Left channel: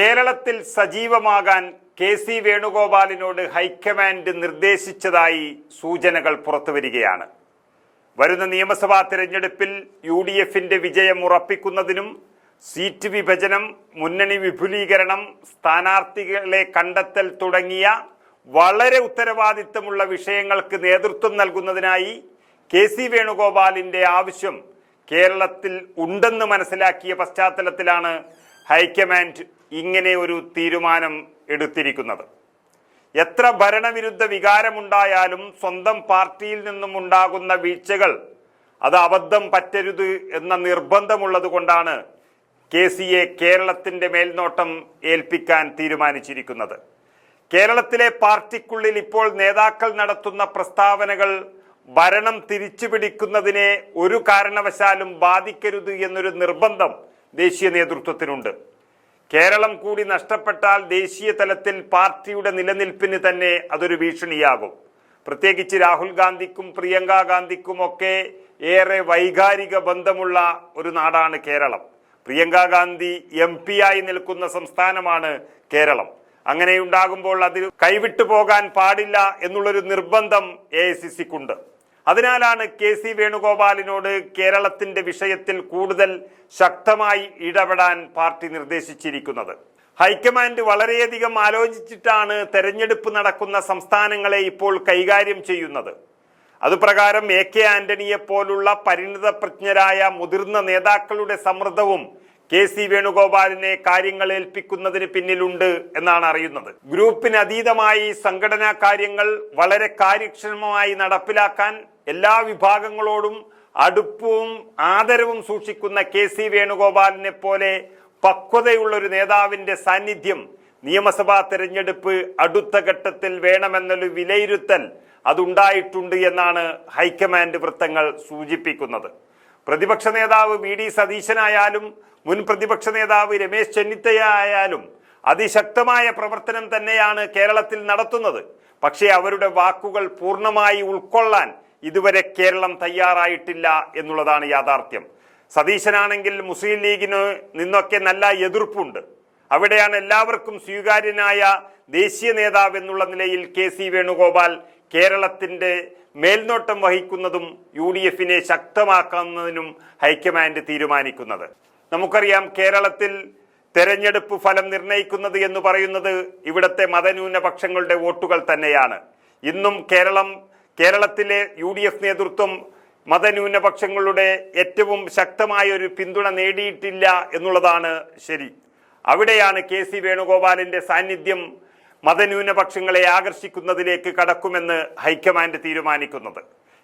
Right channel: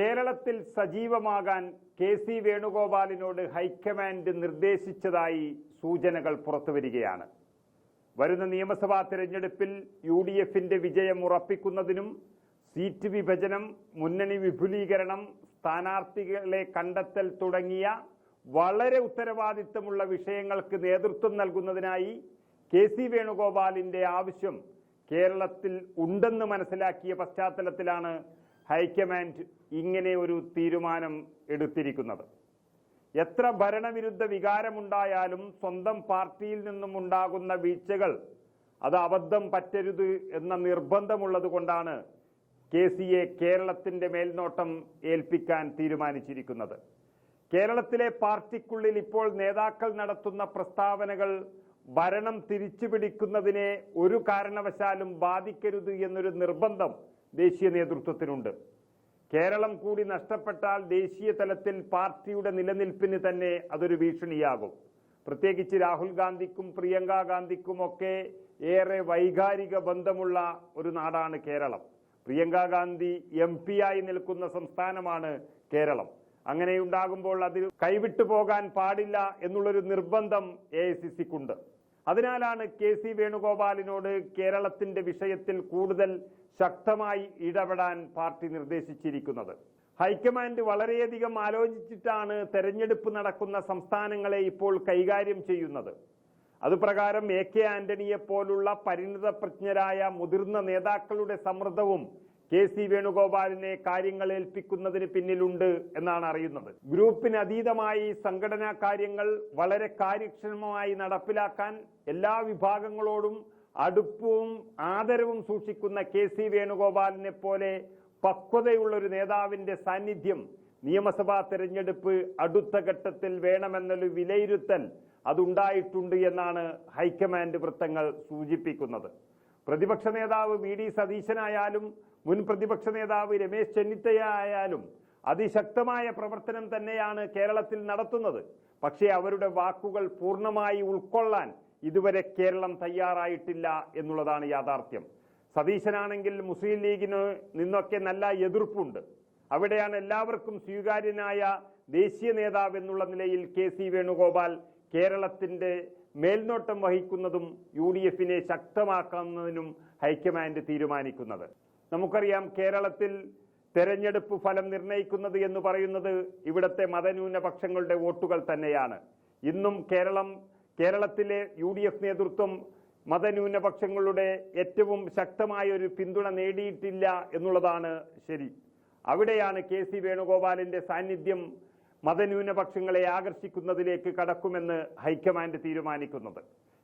കേരളത്തിൽ സജീവമാകാൻ K C വേണുഗോപാലിനോട് ഹൈക്കമാൻഡ് നിർദ്ദേശിച്ചതായി സൂചനകൾ പുറത്തുവരികയാണ് വരുന്ന നിയമസഭാ തിരഞ്ഞെടുപ്പിൽ യു ഡി എഫിന്റെ വിജയം ഉറപ്പിക്കുന്നതിനും സീറ്റ് വിഭജനം മുന്നണി വിപുലീകരണം സ്ഥാനാർത്ഥികളെ കണ്ടെത്തൽ തുടങ്ങിയ വളരെ ഉത്തരവാദിത്തമുള്ള വിഷയങ്ങൾക്ക് നേതൃത്വം നൽകുന്നതിനായി കെ സി വേണുഗോപാലിന്റെ ആവശ്യം കേരളത്തിൽ ഉണ്ടെന്ന് മനസ്സിലാക്കിയ പശ്ചാത്തലത്തിലാണ് ഹൈക്കമാൻഡ് ഇങ്ങനെ ഒരു തീരുമാനം എടുത്തിരിക്കുന്നത്. എത്ര ഭരണവിരുദ്ധ വികാരമുണ്ടായാലും സ്വന്തം പാർട്ടിയിൽ നിന്നും ഉണ്ടാകുന്ന വീഴ്ചകൾ അത് അബദ്ധം പറ്റരുത് എന്ന നിർബന്ധമുള്ളത് കൊണ്ടാണ് കെ സിയെ കേരളത്തിന്റെ മേൽനോട്ടം ഏൽപ്പിക്കാൻ തീരുമാനിച്ചിരിക്കുന്നത്. കേരളത്തിലെ പാർട്ടിക്കുള്ളിൽ ഇപ്പോൾ നേതാക്കൾ നടത്തുന്ന പ്രസ്താവനകൾ ഭരണം തിരിച്ചുപിടിക്കുന്നതിനെ ഒരു കാരണവശാലും ബാധിക്കരുത് എന്നൊരു നിർബന്ധം ദേശീയ നേതൃത്വത്തിനുണ്ട്. കേരളം കൂടി നഷ്ടപ്പെട്ടാൽ ദേശീയ തലത്തിൽ പാർട്ടിയുടെ നിലനിൽപ്പിന് തന്നെ അതൊരു ഭീഷണിയാകും. പ്രത്യേകിച്ച് രാഹുൽ ഗാന്ധിക്കും പ്രിയങ്ക ഗാന്ധിക്കുമൊക്കെ ഏറെ വൈകാരിക ബന്ധമുള്ള ഒരു നാടാണ് കേരളം. പ്രിയങ്ക ഗാന്ധി എം പി ആയി നിൽക്കുന്ന സംസ്ഥാനമാണ് കേരളം. അങ്ങനെയുണ്ടാകുമ്പോൾ അത് കൈവിട്ടു പോകാൻ പാടില്ല എന്നുള്ളൊരു നിർബന്ധം എ ഐ സി സിക്കുണ്ട് അതിനാലാണ് കെ സി വേണുഗോപാലിനോട് കേരളത്തിന്റെ വിഷയത്തിൽ കൂടുതൽ ശക്തമായി ഇടപെടാൻ പാർട്ടി നിർദ്ദേശിച്ചിരിക്കുന്നത്. ഹൈക്കമാൻഡ് വളരെയധികം ആലോചിച്ചിട്ടാണ് തെരഞ്ഞെടുപ്പ് നടക്കുന്ന സംസ്ഥാനങ്ങളെ ഇപ്പോൾ കൈകാര്യം ചെയ്യുന്നത്. അതുപ്രകാരം എ കെ ആന്റണിയെ പോലുള്ള പരിണിതപ്രജ്ഞരായ മുതിർന്ന നേതാക്കളുടെ സമ്മർദ്ദവും കെ സി വേണുഗോപാലിനെ കാര്യങ്ങൾ ഏൽപ്പിക്കുന്നതിന് പിന്നിലുണ്ട് എന്നാണ് അറിയുന്നത്. ഗ്രൂപ്പിന് അതീതമായി സംഘടനാ കാര്യങ്ങൾ വളരെ കാര്യക്ഷമമായി നടപ്പിലാക്കാൻ എല്ലാ വിഭാഗങ്ങളോടും അടുപ്പവും ആദരവും സൂക്ഷിക്കുന്ന കെ സി വേണുഗോപാലിനെ പോലെ പക്വതയുള്ള ഒരു നേതാവിന്റെ സാന്നിധ്യം നിയമസഭാ തെരഞ്ഞെടുപ്പ് അടുത്ത ഘട്ടത്തിൽ വേണമെന്നൊരു വിലയിരുത്തൽ അതുണ്ടായിട്ടുണ്ട് എന്നാണ് ഹൈക്കമാൻഡ് വൃത്തങ്ങൾ സൂചിപ്പിക്കുന്നത്. പ്രതിപക്ഷ നേതാവ് വി ഡി സതീശനായാലും മുൻ പ്രതിപക്ഷ നേതാവ് രമേശ് ചെന്നിത്തലയായാലും അതിശക്തമായ പ്രവർത്തനം തന്നെയാണ് കേരളത്തിൽ നടത്തുന്നത്. പക്ഷേ അവരുടെ വാക്കുകൾ പൂർണമായി ഉൾക്കൊള്ളാൻ ഇതുവരെ കേരളം തയ്യാറായിട്ടില്ല എന്നുള്ളതാണ് യാഥാർത്ഥ്യം. സതീശനാണെങ്കിൽ മുസ്ലിം ലീഗിന് നിന്നൊക്കെ നല്ല എതിർപ്പുണ്ട്. അവിടെയാണ് എല്ലാവർക്കും സ്വീകാര്യനായ ദേശീയ നേതാവ് എന്നുള്ള നിലയിൽ കെ സി വേണുഗോപാൽ കേരളത്തിന്റെ മേൽനോട്ടം വഹിക്കുന്നതും യു ഡി എഫിനെ ശക്തമാക്കുന്നതിനും ഹൈക്കമാൻഡ് തീരുമാനിക്കുന്നത്. നമുക്കറിയാം കേരളത്തിൽ തെരഞ്ഞെടുപ്പ് ഫലം നിർണയിക്കുന്നത് എന്ന് പറയുന്നത് ഇവിടുത്തെ മതന്യൂനപക്ഷങ്ങളുടെ വോട്ടുകൾ തന്നെയാണ്. ഇന്നും കേരളം കേരളത്തിലെ യു ഡി എഫ് നേതൃത്വം മതന്യൂനപക്ഷങ്ങളുടെ ഏറ്റവും ശക്തമായ ഒരു പിന്തുണ നേടിയിട്ടില്ല എന്നുള്ളതാണ് ശരി. അവിടെയാണ് കെ സി വേണുഗോപാലിന്റെ സാന്നിധ്യം മതന്യൂനപക്ഷങ്ങളെ ആകർഷിക്കുന്നതിലേക്ക് കടക്കുമെന്ന് ഹൈക്കമാൻഡ് തീരുമാനിക്കുന്നത്.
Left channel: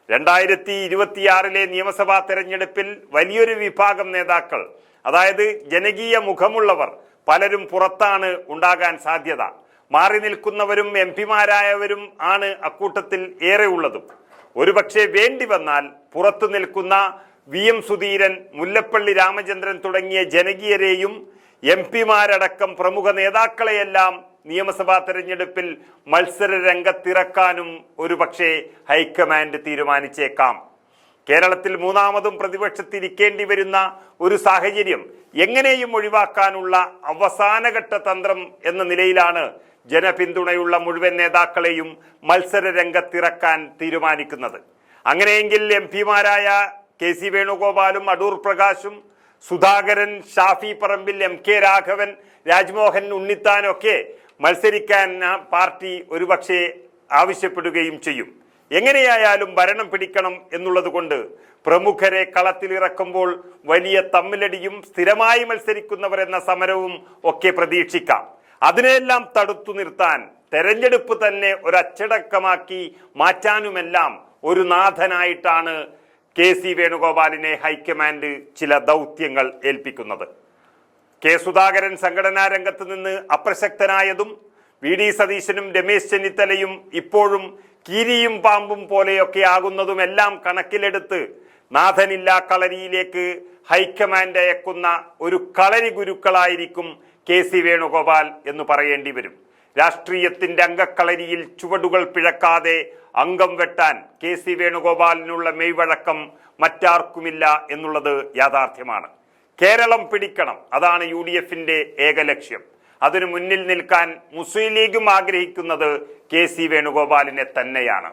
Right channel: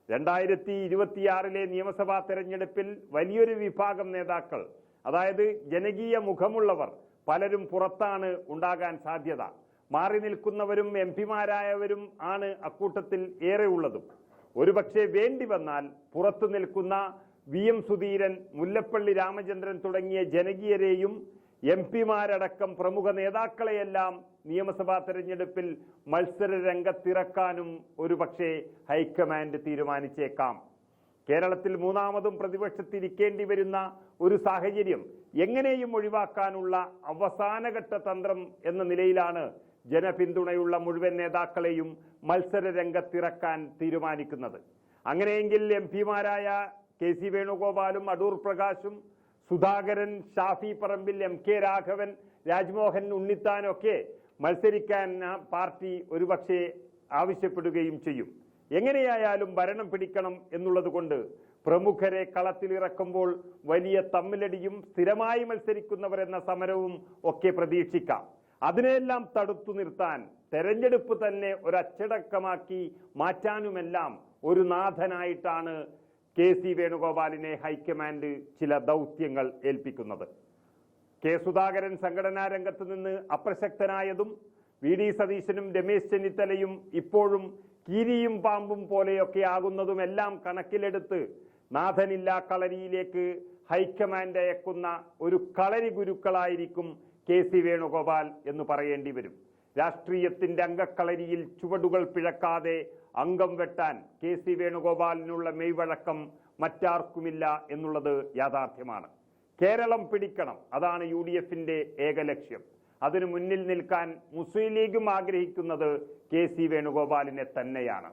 രണ്ടായിരത്തി ഇരുപത്തിയാറിലെ നിയമസഭാ തെരഞ്ഞെടുപ്പിൽ വലിയൊരു വിഭാഗം നേതാക്കൾ അതായത് ജനകീയ മുഖമുള്ളവർ പലരും പുറത്താണ് ഉണ്ടാകാൻ സാധ്യത. മാറി നിൽക്കുന്നവരും എം പിമാരായവരും ആണ് അക്കൂട്ടത്തിൽ ഏറെ ഉള്ളതും. ഒരുപക്ഷെ വേണ്ടി വന്നാൽ പുറത്തു നിൽക്കുന്ന വി എം സുധീരൻ മുല്ലപ്പള്ളി രാമചന്ദ്രൻ തുടങ്ങിയ ജനകീയരെയും എം പിമാരടക്കം പ്രമുഖ നേതാക്കളെയെല്ലാം നിയമസഭാ തെരഞ്ഞെടുപ്പിൽ മത്സര രംഗത്തിറക്കാനും ഒരുപക്ഷെ ഹൈക്കമാൻഡ് തീരുമാനിച്ചേക്കാം. കേരളത്തിൽ മൂന്നാമതും പ്രതിപക്ഷത്തിരിക്കേണ്ടി വരുന്ന ഒരു സാഹചര്യം എങ്ങനെയും ഒഴിവാക്കാനുള്ള അവസാനഘട്ട തന്ത്രം എന്ന നിലയിലാണ് ജനപിന്തുണയുള്ള മുഴുവൻ നേതാക്കളെയും മത്സര രംഗത്തിറക്കാൻ തീരുമാനിക്കുന്നത്. അങ്ങനെയെങ്കിൽ എം പിമാരായ കെ സി വേണുഗോപാലും അടൂർ പ്രകാശും സുധാകരൻ ഷാഫി പറമ്പിൽ എം കെ രാഘവൻ രാജ്മോഹൻ ഉണ്ണിത്താനൊക്കെ മത്സരിക്കാൻ പാർട്ടി ഒരുപക്ഷെ ആവശ്യപ്പെടുകയും ചെയ്യും. എങ്ങനെയായാലും ഭരണം പിടിക്കണം എന്നുള്ളത് കൊണ്ട് പ്രമുഖരെ കളത്തിലിറക്കുമ്പോൾ വലിയ തമ്മിലടിയും സ്ഥിരമായി മത്സരിക്കുന്നവർ എന്ന സമരവും ഒക്കെ പ്രതീക്ഷിക്കാം. അതിനെല്ലാം തടുത്തു നിർത്താൻ തെരഞ്ഞെടുപ്പ് തന്നെ ഒരച്ചടക്കമാക്കി മാറ്റാനുമെല്ലാം ഒരു നാഥനായിട്ടാണ് കെ സി വേണുഗോപാലിനെ ഹൈക്കമാൻഡ് ചില ദൗത്യങ്ങൾ ഏൽപ്പിക്കുന്നത്. കെ സുധാകരൻ സംഘടനാ രംഗത്ത് നിന്ന് അപ്രസക്തനായതും വി ഡി സതീശനും രമേശ് ചെന്നിത്തലയും ഇപ്പോഴും കീരിയും പാമ്പും പോലെയൊക്കെ ആകുന്നതും എല്ലാം കണക്കിലെടുത്ത് നാഥനില്ലാ കളരിയിലേക്ക് ഹൈക്കമാൻഡ് അയക്കുന്ന ഒരു കളരി ഗുരുക്കളായിരിക്കും കെ സി വേണുഗോപാൽ എന്ന് പറയേണ്ടി വരും. രാഷ്ട്രീയത്തിന്റെ അംഗക്കളരിയിൽ ചുവടുകൾ പിഴക്കാതെ അംഗം വെട്ടാൻ കെ സി വേണുഗോപാലിനുള്ള മെയ്വഴക്കം മറ്റാർക്കുമില്ല എന്നുള്ളത് യാഥാർത്ഥ്യമാണ്. കേരളം പിടിക്കണം അതാണ് യു ഡി എഫിന്റെ ഏക ലക്ഷ്യം അതിനു മുന്നിൽ നിൽക്കാൻ മുസ്ലിം ലീഗും ആഗ്രഹിക്കുന്നത് കെ സി വേണുഗോപാലിനെ തന്നെയാണ്.